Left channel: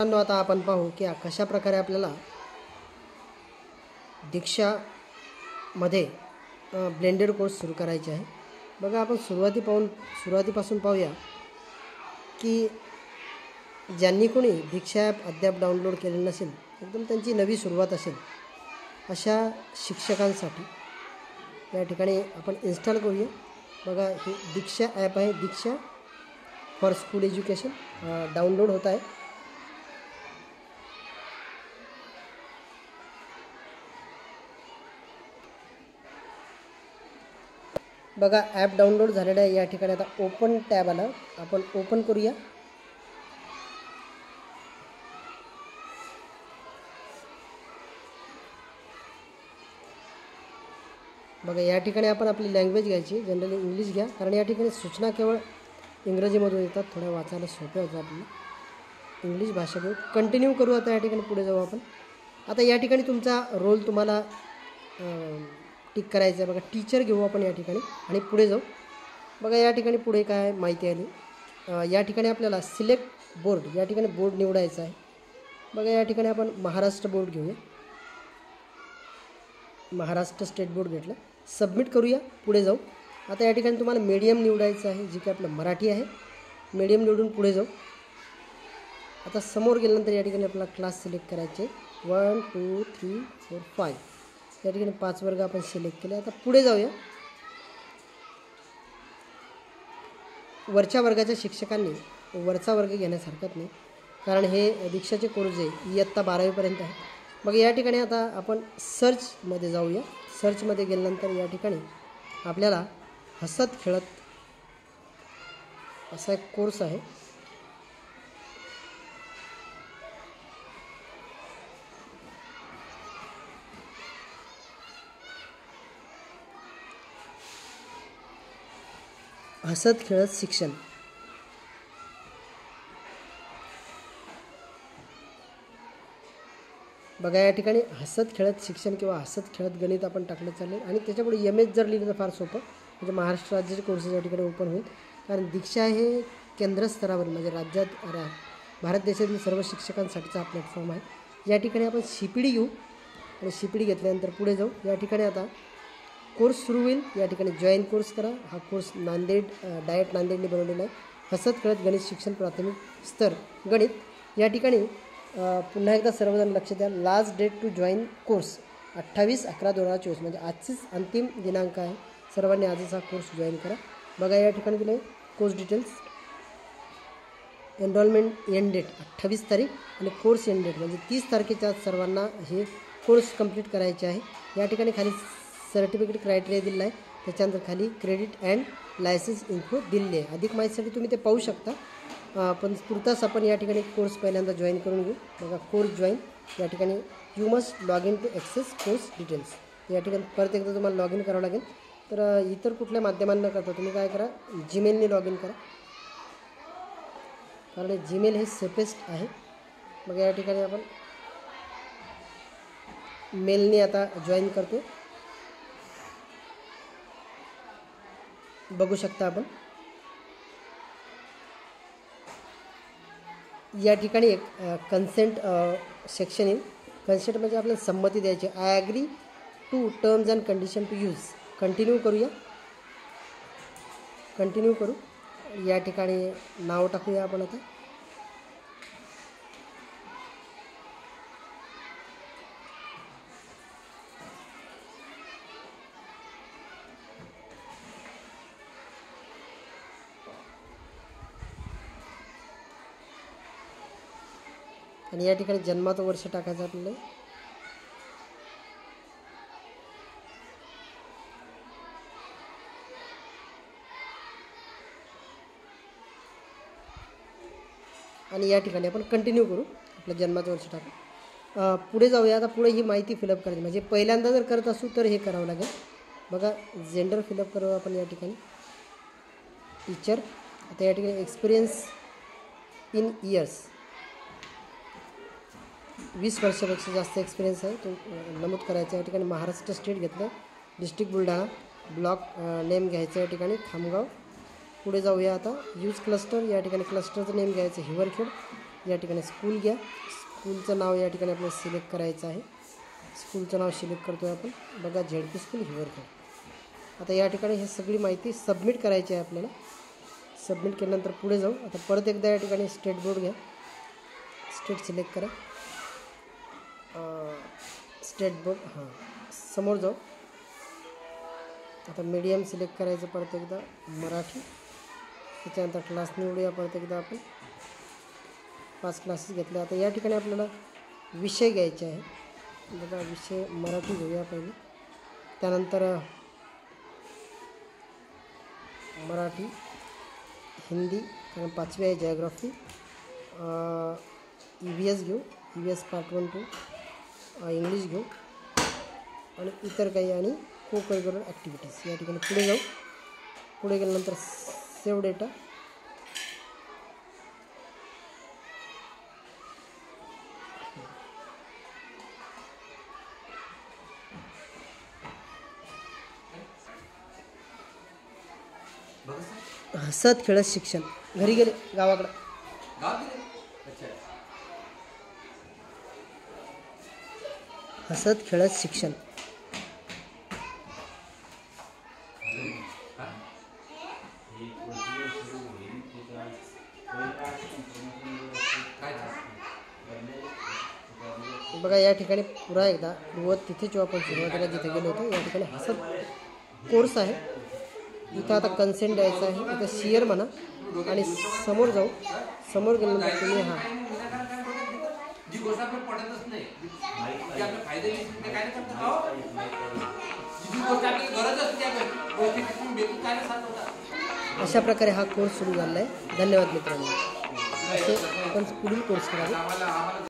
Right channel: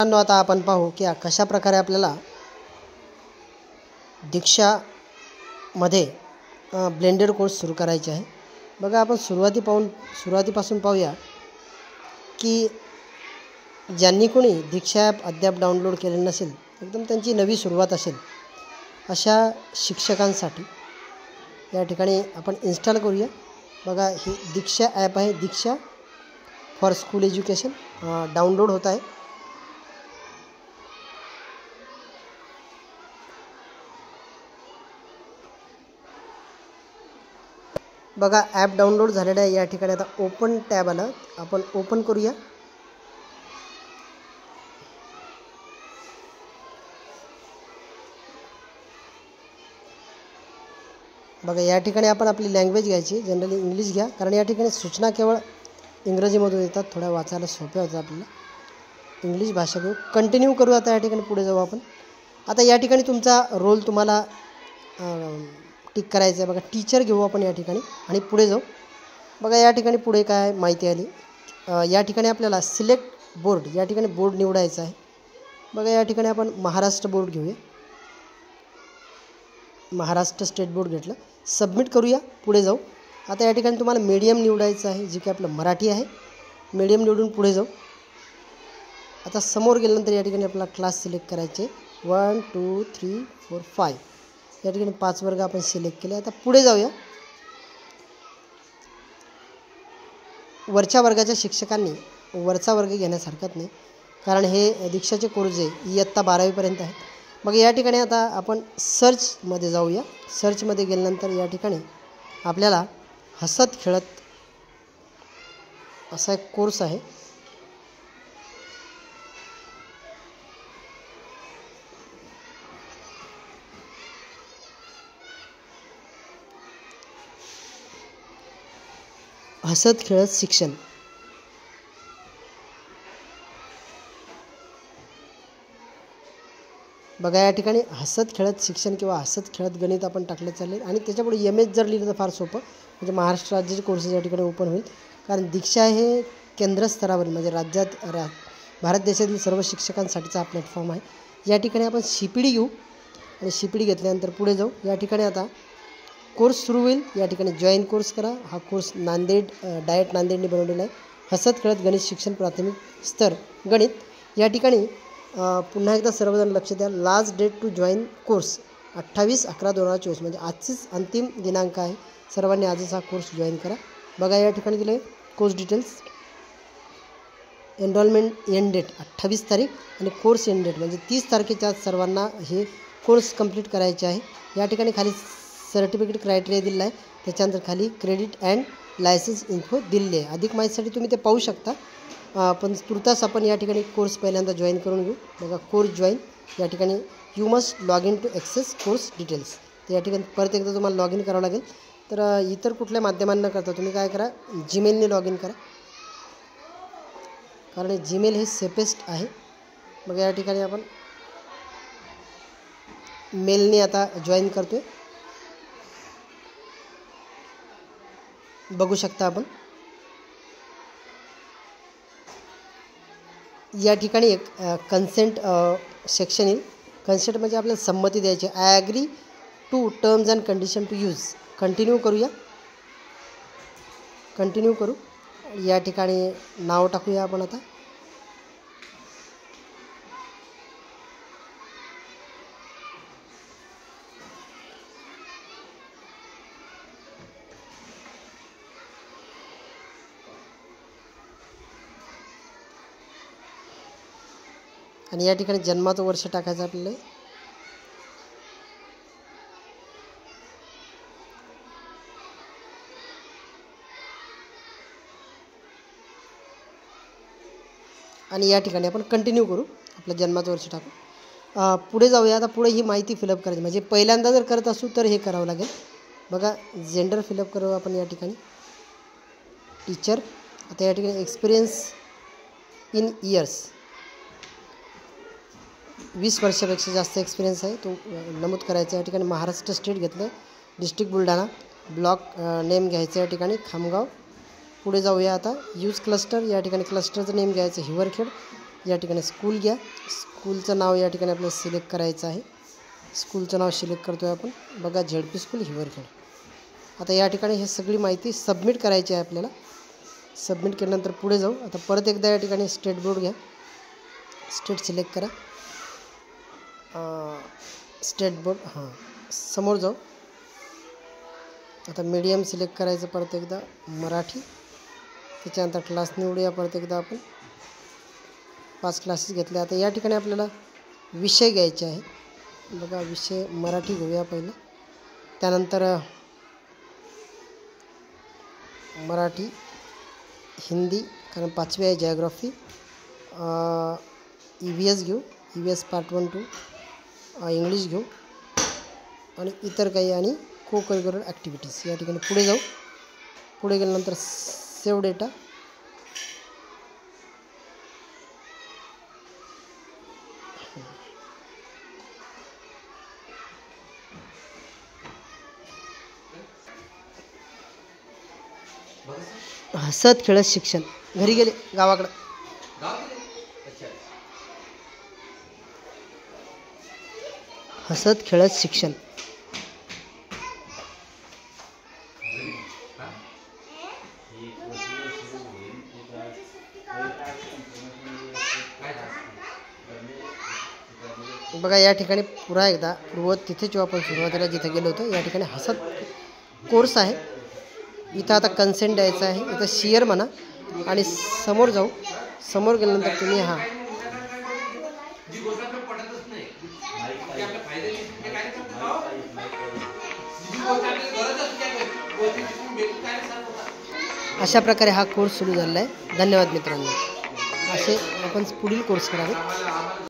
मित्रांनो, आता आपण पाहू की कशा प्रकारे आपल्याला दीक्षामध्ये ब्लेंडेड कोर्स सुरू करायचे आहे। बघा, आपण सुरुवातीपासून पाहूया की ज्यांनी कोणी दीक्षा ॲप अद्याप डाउनलोड केले नसेल, एकदम त्यांची नवी सुरुवात असेल अशा शिक्षकांसाठी या ठिकाणी आपण इन्स्टॉल करूया। बघा, ही दीक्षा ॲप आहे, दीक्षा फॉर स्कूल एज्युकेशन डाउनलोड होत आहे। बघा, ॲप डाउनलोड झालेलं आहे। या ठिकाणी आता ओपन टॅब आलं, आपण ओपन करूया। बघा, या ठिकाणी आपण आपली लँग्वेज घ्यायची, जनरली इंग्लिश घ्या, कारण या ठिकाणी सूचना केवळ इंग्रजीमधून येतात, थोड्या वाचायला सोप्या होतात आपल्याला। इंग्लिश भाषा घेऊ, कंटिन्यू करू। आता या ठिकाणी पुढे जाऊ आपण। आता या ठिकाणी तुमचा रोल तुम्हाला टिक करायचं आहे। बघा, टीचर घेऊ आपण या ठिकाणी आणि पुढे जाऊ। बघा, या ठिकाणी पुढे काय माहिती आली, या ठिकाणी आपल्याला सिलेक्ट बोर्ड, या ठिकाणी बोर्ड निवडायचा आहे। बघा, या ठिकाणी आपण महाराष्ट्र बोर्ड घेऊया, महाराष्ट्र स्टेट बोर्ड घेतलं, सबमिट करूया, पुढे जाऊ। आता या ठिकाणी तुम्हाला मीडियम निवडायचं आहे, जे की आपलं मराठी आहे। मीडियम निवडून पुढे जाऊ। आता समोर गेल्यानंतर या ठिकाणी आपल्याला क्लास सिलेक्ट करायचे, 1 2 3 4 5, या ठिकाणी 5 वर्ग आपण सिलेक्ट केले। आता पुढे जाऊया। वरच्या वर्गाच्या शिक्षकांनी वरचा वर्ग घेण्यास हरकत नाही, कारण हे दीक्षाचे कोर्स आहे इयत्ता 12वीपर्यंत आहे। मग या ठिकाणी आता आपण सर्चमध्ये जाऊया। सर्चमध्ये गेल्यानंतर या ठिकाणी आपल्याला हसत खेळत असा एक कोर्स आहे। हसत खेळत शिक्षण। बघा, या ठिकाणी हसत खेळत शिक्षण किंवा हसत खेळत गणित आपण टाकलं चालेल, आणि त्याच्यापुढे MS जर लिहिलं तर फार सोपं, म्हणजे महाराष्ट्र राज्याचे कोर्सेस या ठिकाणी ओपन होईल। कारण दीक्षा हे केंद्र स्तरावर, म्हणजे भारत देशातील सर्व शिक्षकांसाठीचा हा प्लॅटफॉर्म आहे। या ठिकाणी आपण CPD घेऊ आणि CPD घेतल्यानंतर पुढे जाऊ। या ठिकाणी आता कोर्स सुरू होईल, या ठिकाणी जॉईन कोर्स करा। हा कोर्स डायट नांदेडने बनवलेला आहे, हसत खेळत गणित शिक्षण प्राथमिक स्तर गणित। या ठिकाणी पुन्हा एकदा सर्वजण लक्ष द्या, last date to join course 28/11/2024, म्हणजे आजचीच अंतिम दिनांक आहे। सर्वांनी आजच हा कोर्स जॉईन करा। बघा, या ठिकाणी दिले course details, enrollment end date 28 तारीख आणि कोर्स एंड डेट म्हणजे 30 तारखेच्या आत सर्वांना हे कोर्स कंप्लीट करायचे आहे। या ठिकाणी खाली सर्टिफिकेट क्रायटेरिया दिलेला आहे, त्याच्यानंतर खाली क्रेडिट अँड लायसन्स इन्फो दिलेली आहे। अधिक माहितीसाठी तुम्ही ते पाहू शकता, पण तुर्तास आपण या ठिकाणी कोर्स पहिल्यांदा जॉईन करून घेऊ। बघा, कोर्स जॉईन, या ठिकाणी you must log in to access course details, तर या ठिकाणी परत एकदा तुम्हाला लॉग इन करावं लागेल। तर इतर कुठल्या माध्यमांना करता तुम्ही काय करा, जीमेलने लॉग इन करा, कारण जीमेल हे सेफेस्ट आहे। मग या ठिकाणी आपण मेलने आता जॉईन करतो, बघू शकता आपण। या ठिकाणी एक कन्सेंट सेक्शन येईल। कन्सेंट म्हणजे आपल्याला संमती द्यायची, I agree to terms and condition to use. Continue करूया, कंटिन्यू करू। या ठिकाणी नाव टाकूया आपण आता, आणि या ठिकाणी जन्माचं वर्ष टाकायचं आपल्याला। आणि या ठिकाणी आपण कंटिन्यू करू, आपलं जन्माचं वर्ष टाकू। पुढे जाऊया। आता पुढे ही माहिती फिलअप करायची, म्हणजे पहिल्यांदा जर करत असू तर हे करावं लागेल। बघा, जेंडर फिलअप करू आपण या ठिकाणी, टीचर। आता या ठिकाणी एक्सपिरियन्स इन इयर्स, 20 वर्षापेक्षा जास्त एक्सपिरियन्स आहे तो नमूद करायचा। या ठिकाणी महाराष्ट्र स्टेट घेतलं, डिस्ट्रिक्ट बुलढाणा, ब्लॉक नेम घ्यायचं या ठिकाणी खामगाव। पुढे जाऊया आता, यूज क्लस्टर, या ठिकाणी क्लस्टरचं नेम घ्यायचं हिवरखेड। या ठिकाणी स्कूल घ्या. स्कूलचं नाव या ठिकाणी आपल्याला सिलेक्ट करायचं आहे. स्कूलचं नाव सिलेक्ट करतो आहे आपण. बघा ZP स्कूल हिवरखेड. आता या ठिकाणी हे सगळी माहिती सबमिट करायची आहे आपल्याला. सबमिट केल्यानंतर पुढे जाऊ. आता परत एकदा या ठिकाणी स्टेट बोर्ड घ्या. स्टेट सिलेक्ट करा. स्टेट बोर्ड समोर जाऊ. आता मीडियम सिलेक्ट करायचं परत एकदा मराठी. त्याच्यानंतर क्लास निवडूया परत एकदा आपण. 5 क्लासेस घेतले. आता या ठिकाणी आपल्याला विषय घ्यायचे आहे. बघा विषय मराठी घेऊया पहिला. त्यानंतर मराठी, हिंदी कारण 5वी आहे जिओग्राफी. EVS घेऊ. EVS part 1, 2. इंग्लिश घेऊ आणि इतर काही आणि को करिक्युलर ॲक्टिव्हिटीज. या ठिकाणी पुढे जाऊ. पुढे गेल्यानंतर सेव्ह डेटा. हसत खेळत शिक्षण. घरी गेले गावाकडं. हसत खेळत शिक्षण. बघा या ठिकाणी पुन्हा एकदा तिथे जेव्हा आपण सुरुवातीला जिथे गेलो होतो या ठिकाणी हसत कोर्स आहे. इथं आता कन्सेंट द्यायचं आहे. इथं शेअर म्हणा आणि समोर जाऊ. समोर गेल्यानंतर तुम्ही अशा प्रकारे हा कोर्स सुरू झाला आहे. धन्यवाद मित्रांनो. असे आपण पुढील कोर्स करावे.